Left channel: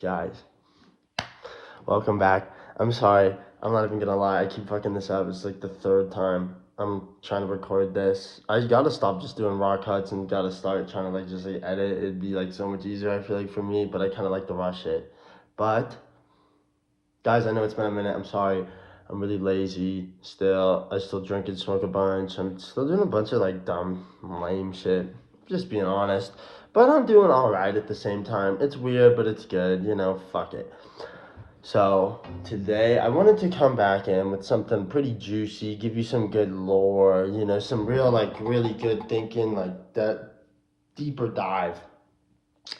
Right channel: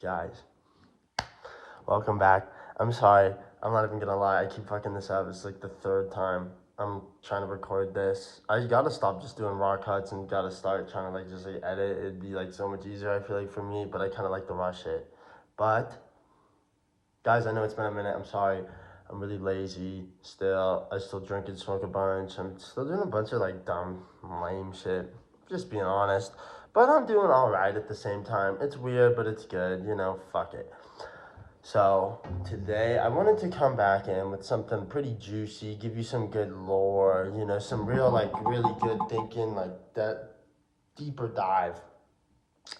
Guys, welcome back. I'm sorry. I'm not even gonna lie. I keep fucking this up. It's like the third time I'm trying to record this. I gotta stop just doing raw cuts and gotta start trying to like just like edit. It'd be like so much easier, I feel like, for me, but I kind of like the raw shit. But guys, I know it's been a minute. I'm sorry. I'm really lazy still. I still drink and smoke a bunch. I'm still doing a bunch of like dumb, lame shit. Just being honest. But I'm doing alright at the same time. It's weird, but it's good. Fuck it. So today I wanted to come back in with something pretty juicy, give you some good lore, some real like really good thinking, like that deeper dive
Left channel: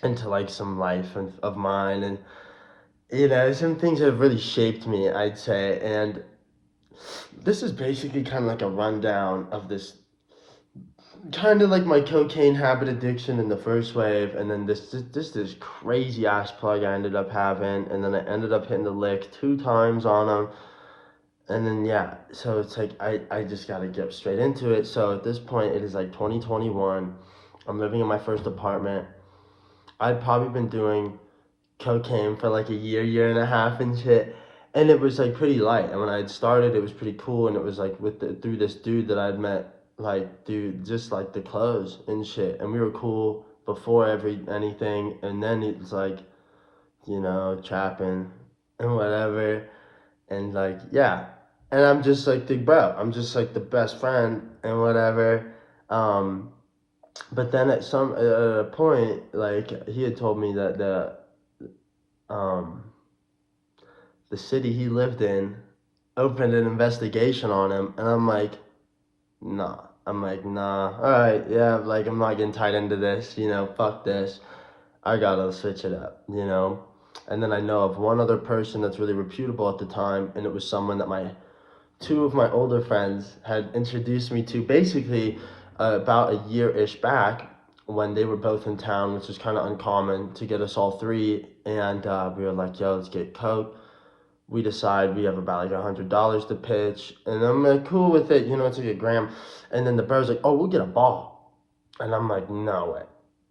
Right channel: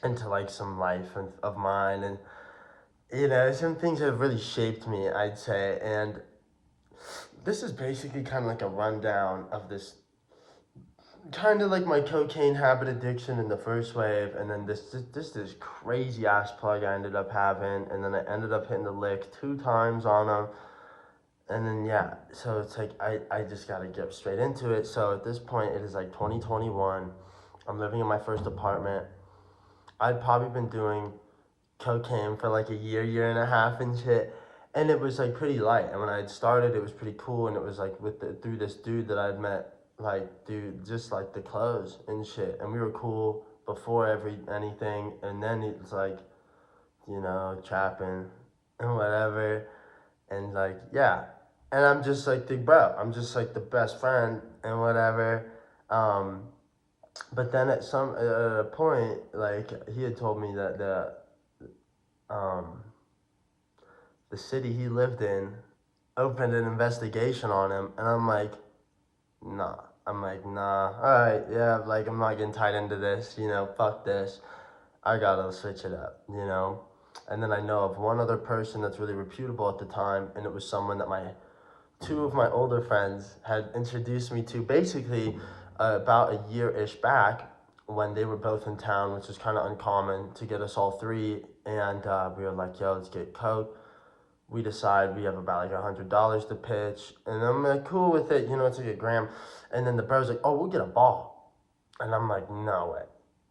into like some life of mine and some things that have really shaped me, I'd say. And this is basically kind of like a rundown of this kind of like my cocaine habit addiction in the first wave, and then this crazy ass plug I ended up having, and then I ended up hitting the lick 2 times on him. And then yeah, so it's like I just gotta get straight into it. So at this point it is like 2021. I'm living in my first apartment. I'd probably been doing cocaine for like a year and a half and shit. And it was like pretty light. And when I had started it was pretty cool, and it was like through this dude that I'd met, like dude, just like the clothes and shit. And we were cool before anything, and then it's like, trapping and whatever. And like yeah, and I'm just like the bro, I'm just like the best friend and whatever. um but then at a point, like, he had told me that um the city he lived in opened an investigation on him, and nah I'm like, all right, yeah, like, I'm not getting tied into this, fuck this. I gotta switch it up. And then I know of one other person that's really reputable at the time, and it was someone that my two of my older friends had introduced me to, basically about a year-ish back, when they were both in town, which was kind of uncommon to get us all three. And we were like, yo, let's get coke. We decide we have about like $100 to pitch, and I'm like cool with it, it's like a gram. And then the bro's like, oh, we'll get a ball. And I'm like, no way.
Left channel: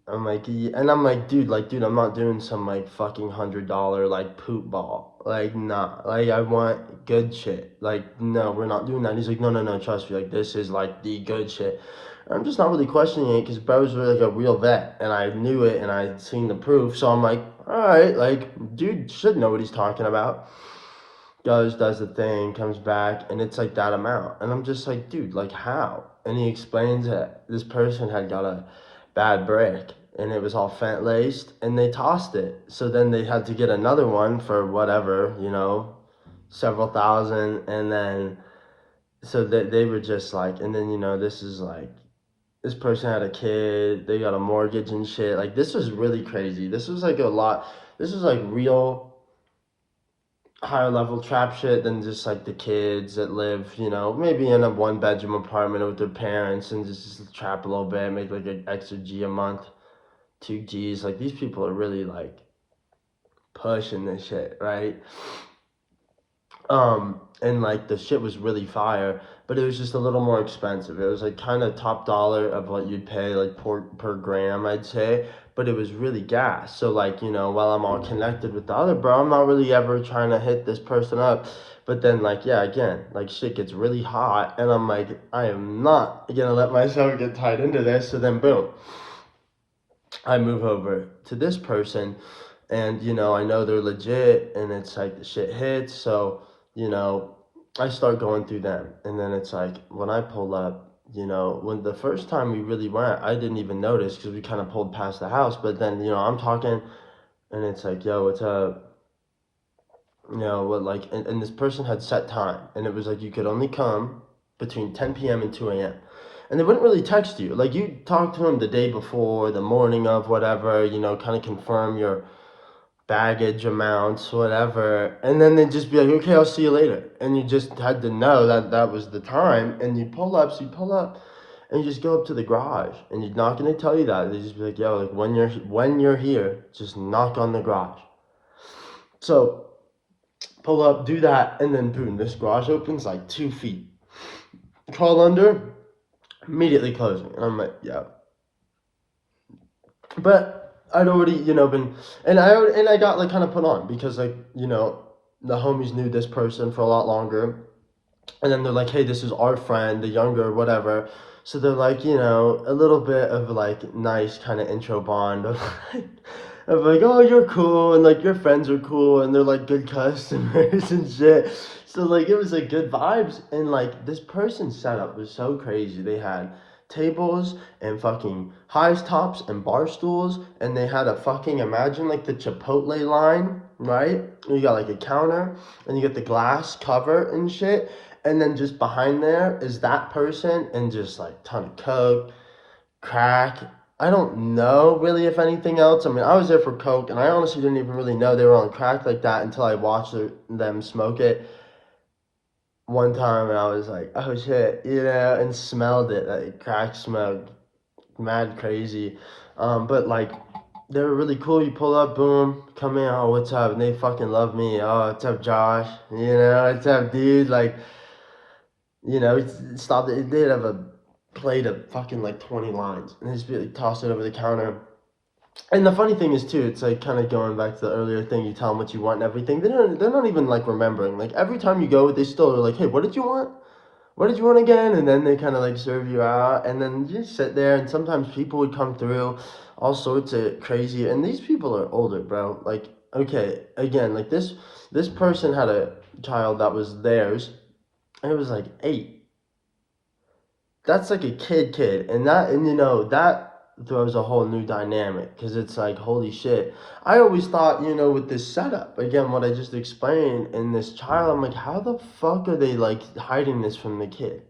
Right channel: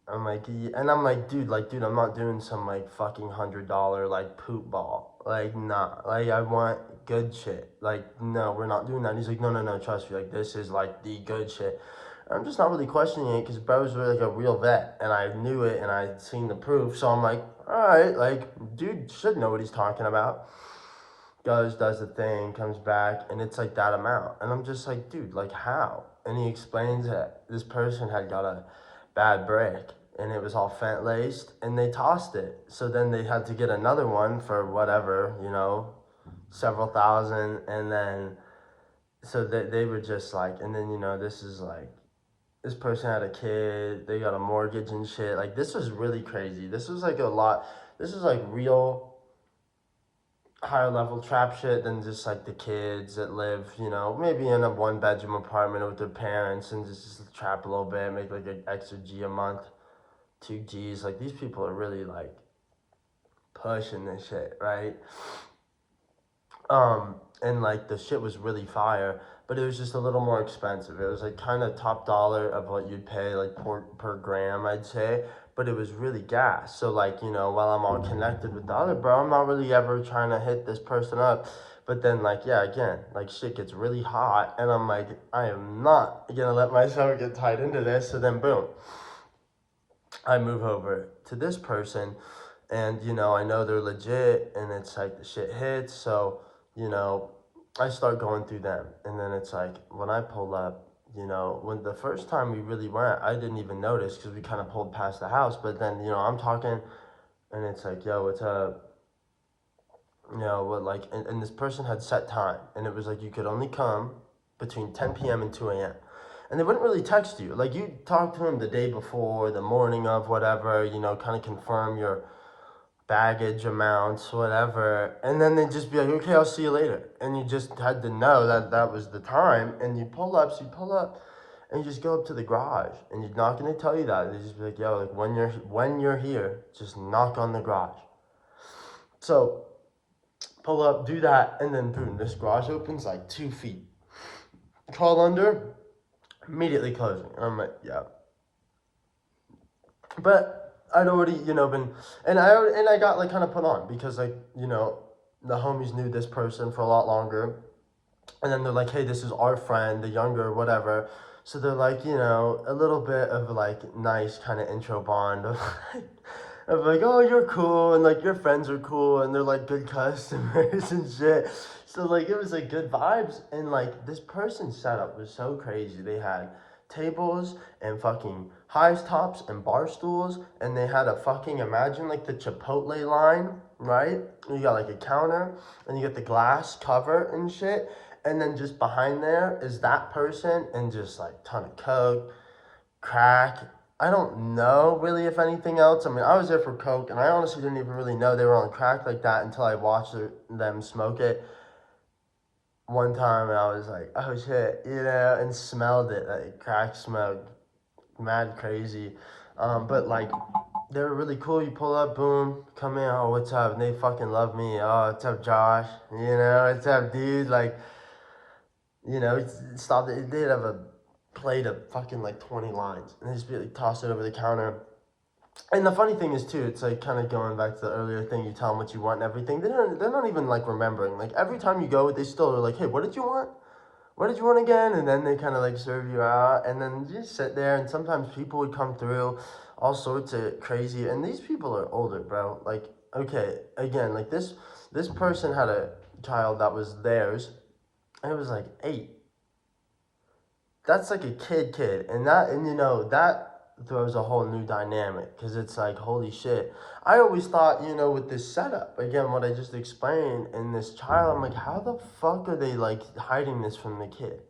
I'm like, yeah. And I'm like, dude, I'm not doing some like fucking $100 like poop ball. Like, nah. Like, I want good shit. Like, no, we're not doing that. And he's like, no, trust me. Like, this is like the good shit. And I'm just not really questioning it because bro's really like a real vet, and I knew it, and I'd seen the proof. So I'm like, all right, like, dude should know what he's talking about. Goes, does the thing, comes back, and it's like that amount. And I'm just like, dude, like, how? And he explains that this person had got a bad break, and it was all fent laced, and they tossed it. So then they had to get another one for whatever, several thousand. And then, so they were just like, and then, this is like, this person had a kid, they got a mortgage and shit. Like, this was really crazy. This was like a lot. This was like real higher level trap shit than just like the kids that live, maybe in a 1 bedroom apartment with their parents, and just trap a little bit, make like an extra G a month, 2 Gs. Like, these people are really like pushing this shit, right? And like the shit was really fire, but it was just a little more expensive. It was like kind of top dollar of what you'd pay like per gram, I'd say. But it was really gas. So like, while I'm all connected with the other bro, I'm not really ever trying to hit this person up. But then like, yeah, again, like, shit gets really hot, and I'm like, I am not gonna let myself get tied into this. So then boom, I move over to this person, and I know they're legit, and it's like the shit hits. So you know I start going through them, and then it's like when I pull up, when the first time we really went, I didn't even notice because we kind of pulled past the house. But then I'm talking, and it's like, yo, what's up? What, like, and this person had set time, and it was like you could only come between 10 p.m. and 2 a.m. And they wouldn't really text you. Like, you talk to them the day before, the morning of, whatever, kind of confirm your baggage amounts, whatever. And then they'd just be like, okay, I'll see you later. And you just had to know that that was the time. And you pull up, and you just go up to the garage. And you're not going to tell you that. They just be like, yo, like, when you're here, just knock on the garage. So pull up, do that, and then boom, this garage opens like 2 feet. Crawl under, immediately closing. And I'm like, yeah. But I'd already, been, and I got like kind of put on because like, the homies knew this person for a lot longer, and then they're like, hey, this is our friend, the younger, whatever. So they're like, a little bit of like nice kind of intro bond of like, oh, you're cool, and like your friends are cool, and they're like good customers and shit. So like it was like good vibes, and like this person's setup was so crazy. They had tables and fucking highs tops and bar stools, and they had a fucking, imagine like the Chipotle line, right? You got like a counter, and you get the glass cover and shit, and then just behind there is that person and just like ton of coke, crack. I don't know really if anything else. I mean, I was there for coke, and I honestly didn't even really know they were on crack like that until I watched them smoke it one time, and I was like, oh shit, and smelled it, like crack smoke, mad crazy. But like they were really cool. You pull up, boom, come in. Oh, what's up? And they fucking love me. Oh, what's up, Josh? What's up, dude? Like, stop it. They'd have a plate of fucking like 20 lines, and they just be like toss it over the counter. And the funny thing is too, it's like kind of going back to the earlier thing. You tell them what you want and everything. They're not even like remembering. Like every time you go, they still are like, hey, what did you want? What did you want again? And then they kind of like serve you out, and then you just sit there. And sometimes people would come through, all sorts of crazy. And these people are older, bro. Like, okay, again, like this person had a child that was theirs, and it was like 8. That's like a kid, and that throws a whole new dynamic because it's like, holy shit. I always thought, with this setup, again, what I just explained, in this child, I'm like, how the fuck are they like hiding this from the kid?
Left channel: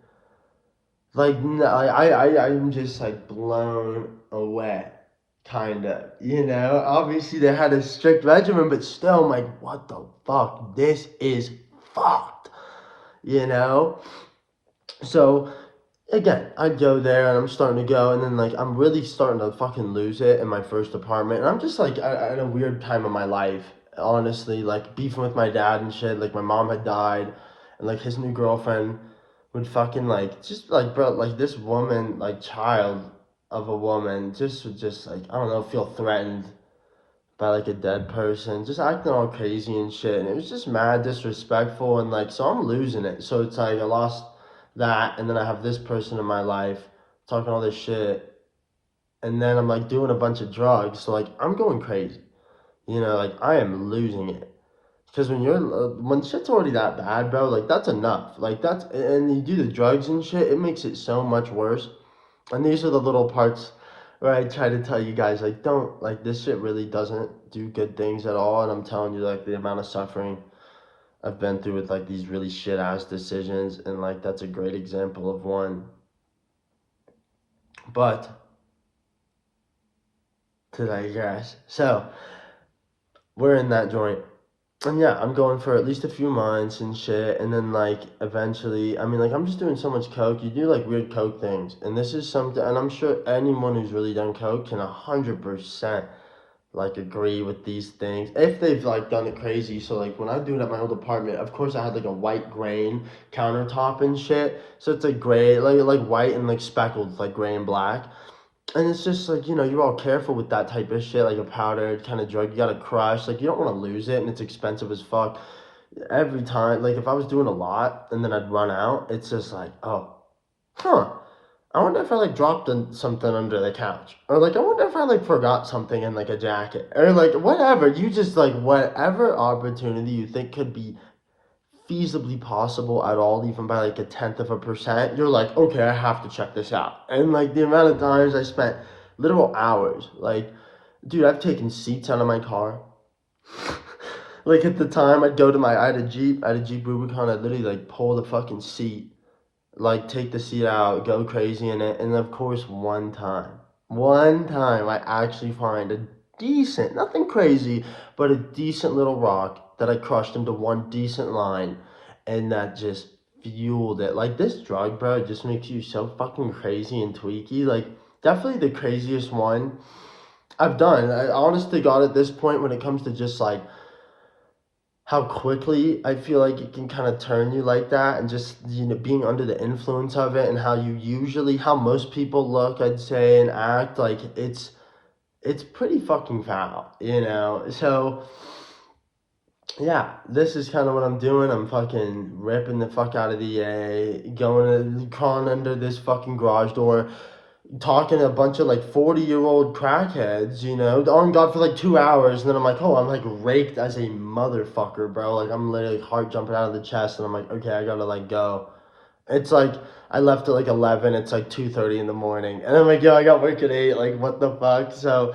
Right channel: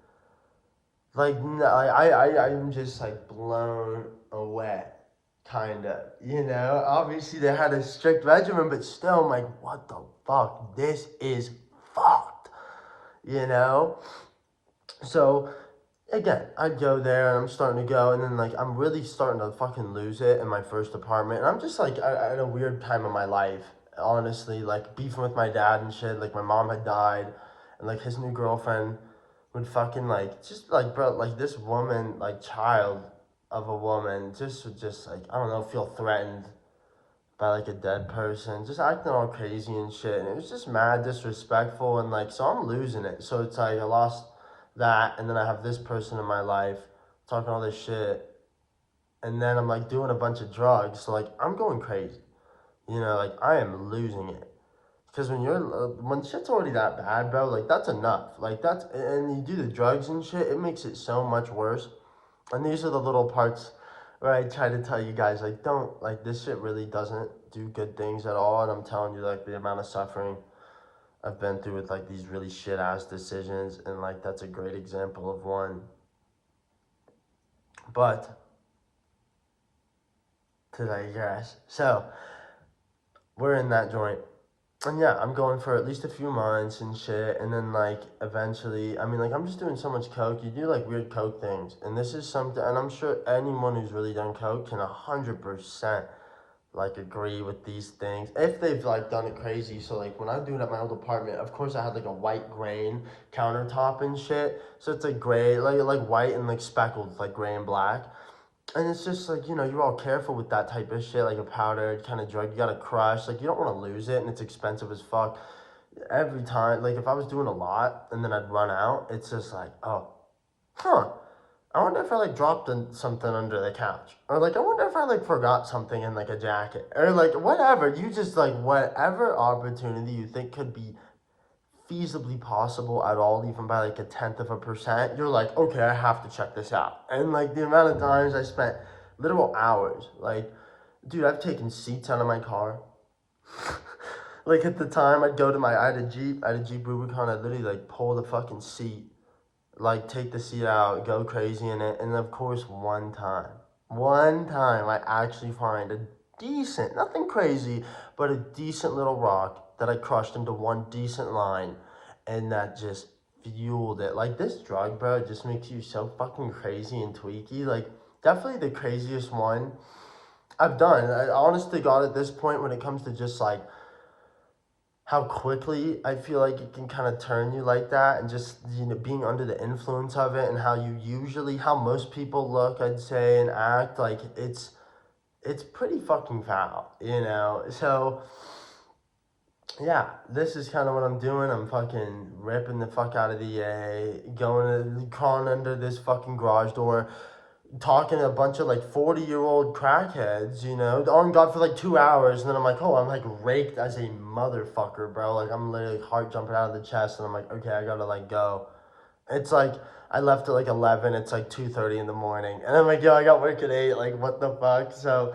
Like, no, I'm just like blown away, kind of. Obviously they had a strict regimen, but still, I'm like, what the fuck? This is fucked, you know? So again, I'd go there, and I'm starting to go, and then like I'm really starting to fucking lose it in my first apartment, and I'm just like at a weird time of my life, honestly, like beefing with my dad and shit. Like my mom had died, and like his new girlfriend would fucking like just like, bro, like this woman, like child of a woman, just would just like, I don't know, feel threatened by like a dead person, just acting all crazy and shit. And it was just mad disrespectful, and like, so I'm losing it. So it's like I lost that, and then I have this person in my life talking all this shit, and then I'm like doing a bunch of drugs. So like I'm going crazy, like I am losing it. Because when shit's already that bad, bro, like that's enough. Like that's, and you do the drugs and shit, it makes it so much worse. And these are the little parts where I try to tell you guys, like, don't, like, this shit really doesn't do good things at all. And I'm telling you, like, the amount of suffering I've been through with, like, these really shit ass decisions. And, like, that's a great example of one. But, to digress. So, we're in that joint. And yeah, I'm going for at least a few months and shit, and then like eventually, I mean, like I'm just doing so much coke. You do like weird coke things, and this is something, and I'm sure anyone who's really done coke can 100% like agree with these things if they've like done it crazy. So like when I do it at my old apartment, of course I had like a white grain countertop and shit, so it's like gray, like white and like speckled, like gray and black. And it's just like, you're all careful with that type of shit, like a powdered kind of drug. You gotta crush, like, you don't wanna lose it, and it's expensive as fuck. Every time, like, if I was doing a lot and then I'd run out, it's just like, oh, huh. I wonder if I like dropped something under the couch. Or like, I wonder if I like forgot something in like a jacket. Or like, whatever. You just like, whatever opportunity you think could be feasibly possible at all, even by like a tenth of a percent, you're like, okay, I have to check this out. And like the amount of times I spent literal hours, like, dude, I've taken seats out of my car. Like at the time, I had a Jeep Rubicon. I'd literally like pull the fucking seat, like take the seat out, go crazy in it. And of course, one time I actually find a decent, nothing crazy, but a decent little rock that I crushed into one decent line, and that just fueled it. Like this drug, bro, it just makes you so fucking crazy and tweaky. Like definitely the craziest one I've done. I honestly got at this point when it comes to just like how quickly I feel like it can kind of turn you like that, and just being under the influence of it, and how most people look, I'd say, and act like it's pretty fucking foul, you know? So, yeah, this is kind of what I'm doing. I'm fucking ripping the fuck out of the A, crawling under this fucking garage door, talking to a bunch of like 40-year-old crackheads, you know, on God for like 2 hours. And then I'm like, oh, I'm like raked as a motherfucker, bro. Like, I'm literally heart jumping out of the chest. And I'm like, okay, I gotta like go. It's like, I left at like 11. It's like 2:30 in the morning. And I'm like, yo, I got work at 8. Like, what the fuck? So,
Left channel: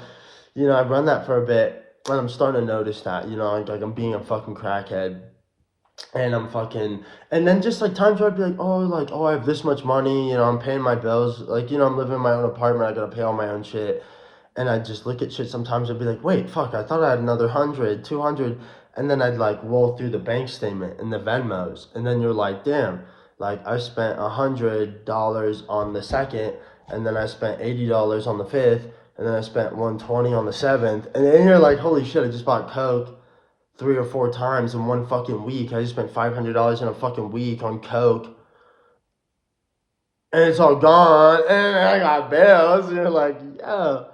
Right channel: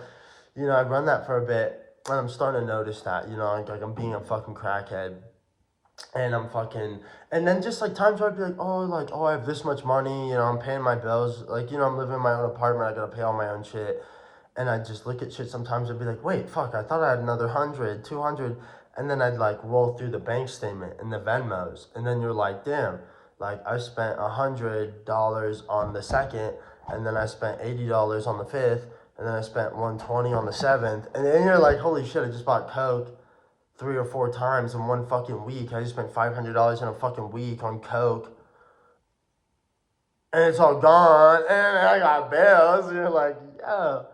you know, I've run that for a bit. And I'm starting to notice that, you know, like I'm being a fucking crackhead. And I'm fucking, and then just like times where I'd be like, oh, I have this much money, you know, I'm paying my bills. Like, you know, I'm living in my own apartment. I gotta pay all my own shit. And I'd just look at shit sometimes. I'd be like, wait, fuck, I thought I had another 100, 200. And then I'd like roll through the bank statement and the Venmos. And then you're like, damn, like I spent $100 on the second. And then I spent $80 on the fifth. And then I spent 120 on the seventh. And then you're like, holy shit, I just bought Coke 3 or 4 times in one fucking week. I just spent $500 in a fucking week on Coke, and it's all gone. And I got bills. And you're like, yo,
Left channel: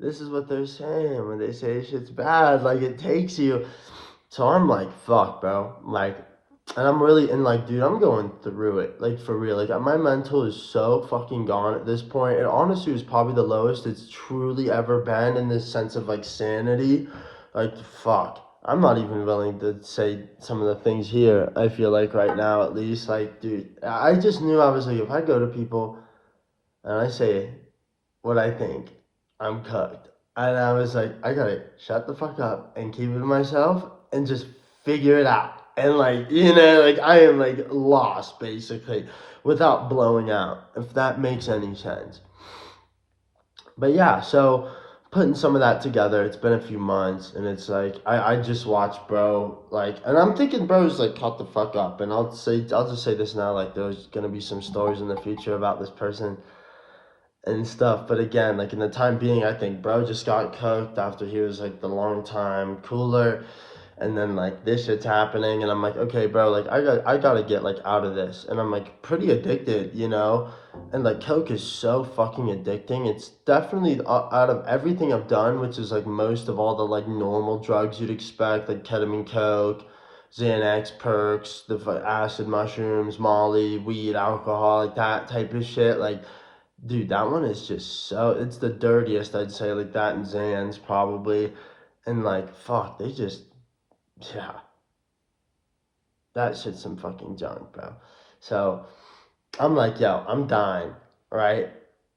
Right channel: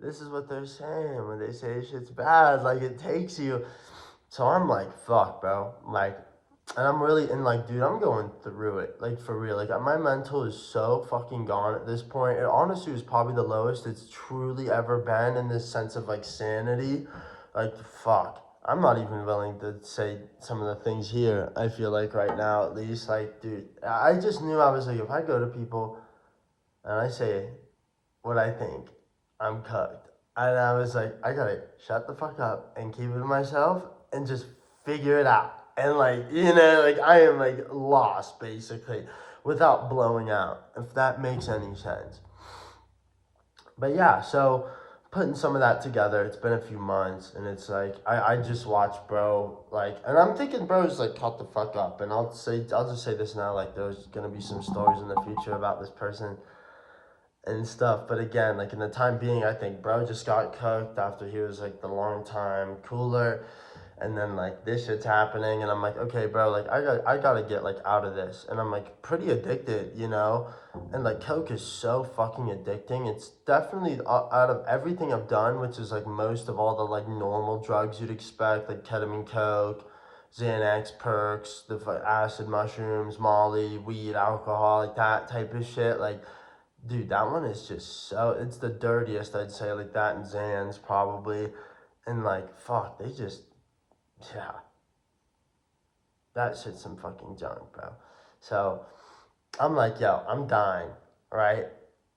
this is what they're saying when they say shit's bad. Like it takes you. So I'm like, fuck, bro. Like, and I'm really and like, dude, I'm going through it. Like for real. Like my mental is so fucking gone at this point. It honestly was probably the lowest it's truly ever been in this sense of like sanity. Like fuck. I'm not even willing to say some of the things here. I feel like right now, at least, like, dude, I just knew I was like, if I go to people and I say what I think, I'm cooked. And I was like, I gotta shut the fuck up and keep it to myself and just figure it out. And like, you know, like I am like lost basically without blowing out, if that makes any sense. But yeah, so putting some of that together, it's been a few months and it's like I just watched bro like and I'm thinking bro's like caught the fuck up and I'll just say this now, like there's gonna be some stories in the future about this person and stuff. But again, like in the time being, I think bro just got cooked after he was like the long time cooler, and then like this shit's happening, and I'm like, okay, bro, like I gotta get like out of this, and I'm like pretty addicted, you know, and like coke is so fucking addicting. It's definitely out of everything I've done, which is like most of all the like normal drugs you'd expect, like ketamine, coke. Xanax, perks, the acid mushrooms, Molly, weed, alcohol, like that type of shit. Like dude, that one is just so, it's the dirtiest, I'd say, like that and Zan's probably. And like, fuck, they just, yeah, that shit's some fucking junk, bro. So I'm like, yo, I'm dying, right?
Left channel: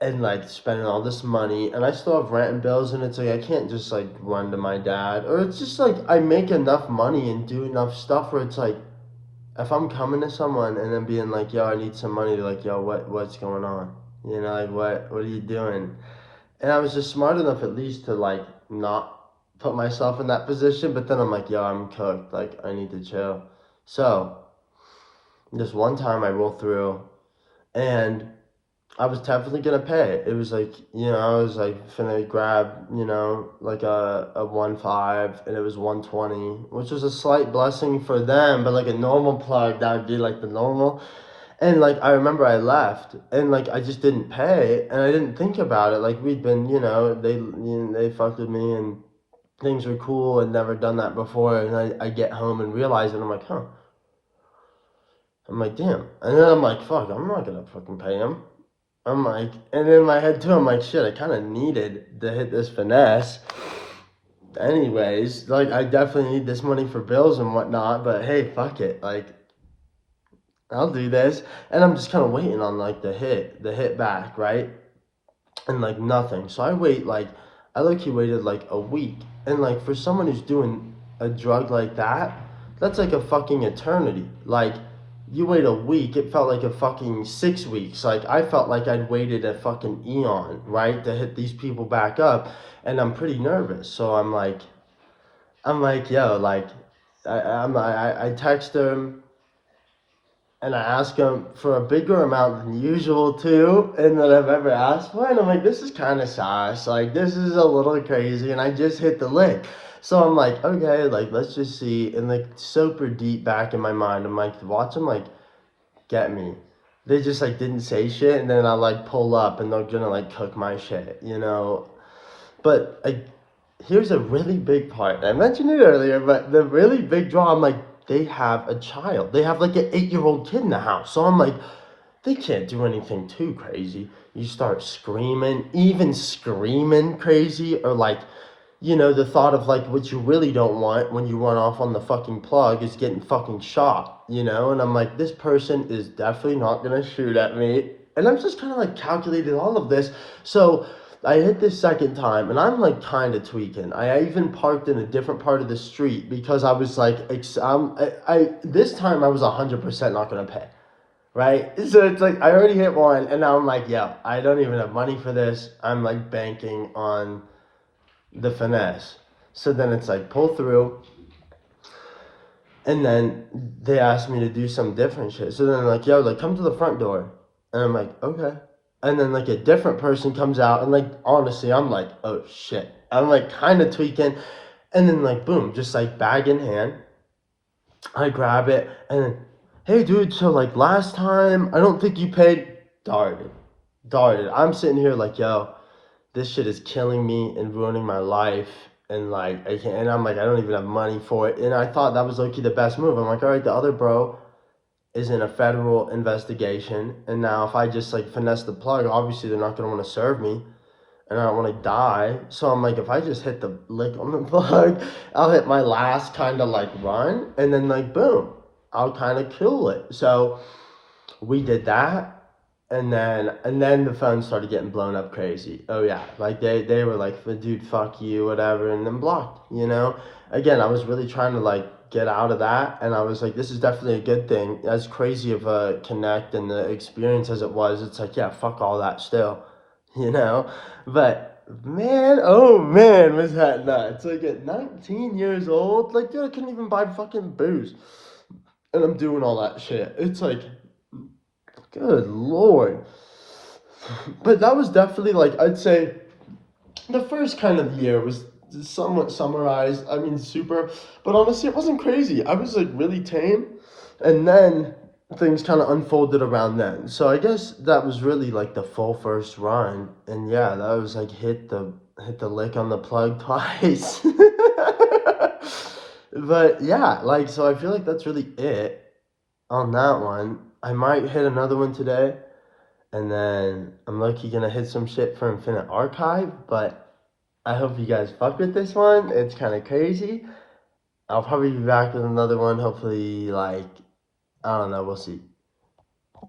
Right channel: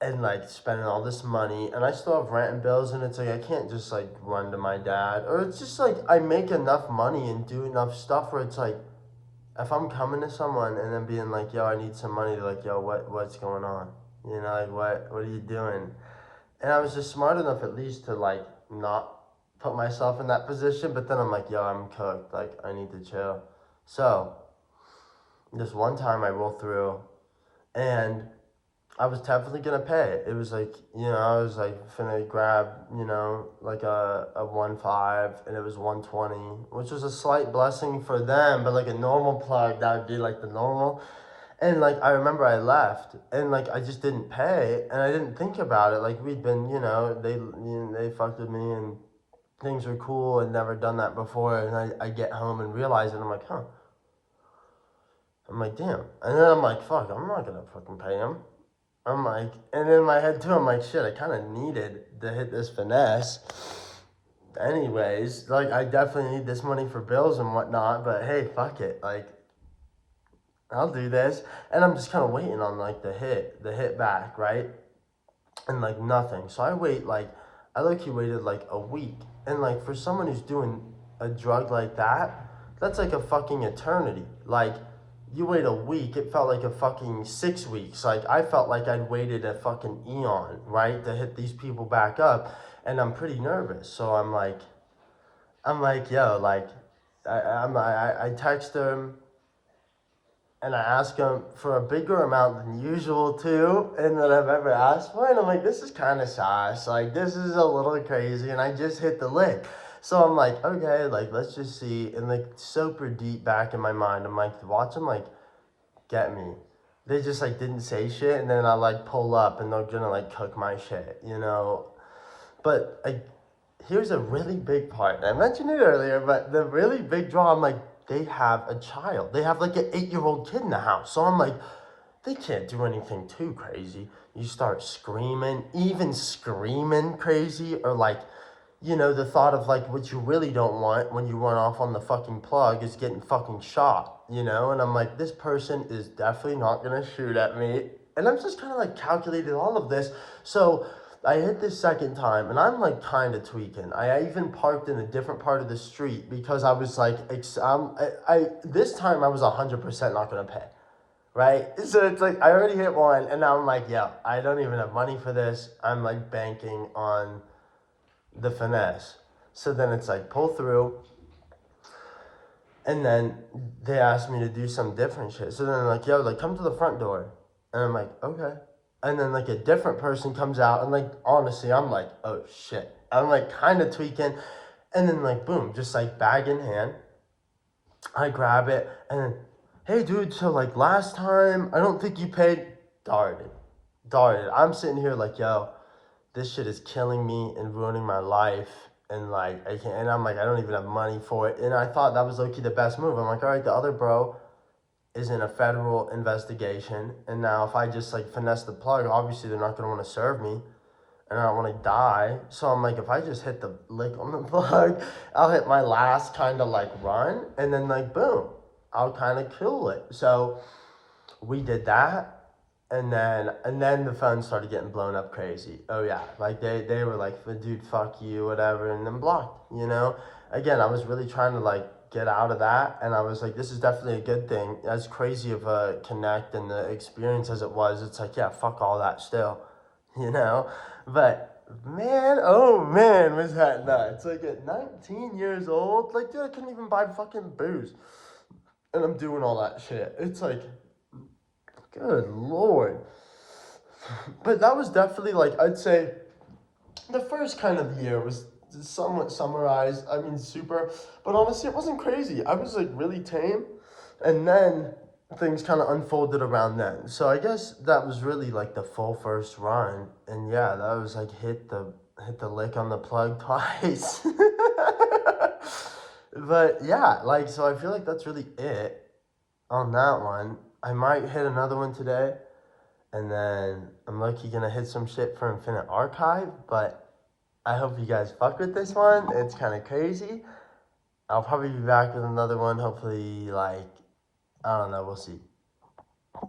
And like spending all this money, and I still have rent and bills, and it's like, I can't just like run to my dad. Or it's just like, I make enough money and do enough stuff where it's like, if I'm coming to someone and then being like, yo, I need some money, they're like, yo, what's going on? You know, like, what are you doing? And I was just smart enough at least to like not put myself in that position. But then I'm like, yo, I'm cooked. Like I need to chill. So this one time I roll through and I was definitely gonna pay. It was like, you know, I was like finna grab, you know, like a 1.5 and it was 120, which was a slight blessing for them, but like a normal plug, that would be like the normal. And like I remember I left and like I just didn't pay and I didn't think about it. Like we'd been, you know, they fucked with me and things were cool and never done that before. And I get home and realize it. I'm like, huh. I'm like, damn. And then I'm like, fuck, I'm not gonna fucking pay him. I'm like, and in my head too, I'm like, shit, I kind of needed to hit this finesse. Anyways, like I definitely need this money for bills and whatnot. But hey, fuck it. Like I'll do this. And I'm just kind of waiting on like the hit back, right? And like nothing. So I wait like, I low-key waited like a week. And like for someone who's doing a drug like that, that's like a fucking eternity. Like you wait a week, it felt like a fucking 6 weeks. Like I felt like I'd waited a fucking eon, right, to hit these people back up. And I'm pretty nervous. So I'm like, yo, like I text them and I ask him for a bigger amount than usual too, and that I've ever asked for. And I'm like, this is kind of sus. Like, this is a little crazy, and I just hit the lick. So I'm like, okay, like let's just see. And like super deep back in my mind, I'm like, watch them like get me. They just like didn't say shit, and then I like pull up, and they're gonna like cook my shit, you know. But here's a really big part. I mentioned it earlier, but the really big draw, I'm like, they have a child. They have like an 8-year-old kid in the house. So I'm like, they can't do anything too crazy. You start screaming, even screaming crazy, or like, the thought of like what you really don't want when you run off on the fucking plug is getting fucking shot. And I'm like, this person is definitely not gonna shoot at me. And I'm just kind of like calculated all of this. So I hit this second time and I'm like kind of tweaking. I even parked in a different part of the street because I was like, this time I was 100% not gonna pay. Right? So it's like I already hit one and now I'm like, yeah, I don't even have money for this. I'm like banking on the finesse. So then it's like pull through, and then they asked me to do some different shit. So then they're like, yo, like come to the front door. And I'm like, okay. And then like a different person comes out and like honestly, I'm like, oh shit. I'm like kind of tweaking. And then like boom, just like bag in hand. I grab it and then, hey dude, so like last time I don't think you paid. Darted. Darted. I'm sitting here like, yo, this shit is killing me and ruining my life. And like I can't, and I'm like, I don't even have money for it. And I thought that was low-key the best move. I'm like, all right, the other bro is in a federal investigation, and now if I just like finesse the plug, obviously they're not gonna want to serve me, and I don't want to die. So I'm like, if I just hit the lick on the plug, I'll hit my last kind of like run, and then like boom, I'll kind of kill it. So we did that, and then the phone started getting blown up crazy. Oh yeah, like they were like, dude, fuck you, whatever, and then blocked. Again, I was really trying to like get out of that, and I was like, this is definitely a good thing. As crazy of a connect and the experience as it was, it's like, yeah, fuck all that still, you know. But man, oh man, was that nuts? Like at 19 years old, like dude, I couldn't even buy fucking booze, and I'm doing all that shit. It's like, good lord. But that was definitely like, I'd say the first kind of year was somewhat summarized. I mean, super, but honestly, it wasn't crazy. I was like really tame, and then things kind of unfolded around then. So I guess that was really like the full first run, and yeah, that was like hit the lick on the plug twice. But yeah, like so I feel like that's really it on that one. I might hit another one today. And then I'm lucky gonna hit some shit for Infinite Archive, but I hope you guys fuck with this one. It's kind of crazy. I'll probably be back with another one. Hopefully, like, I don't know. We'll see.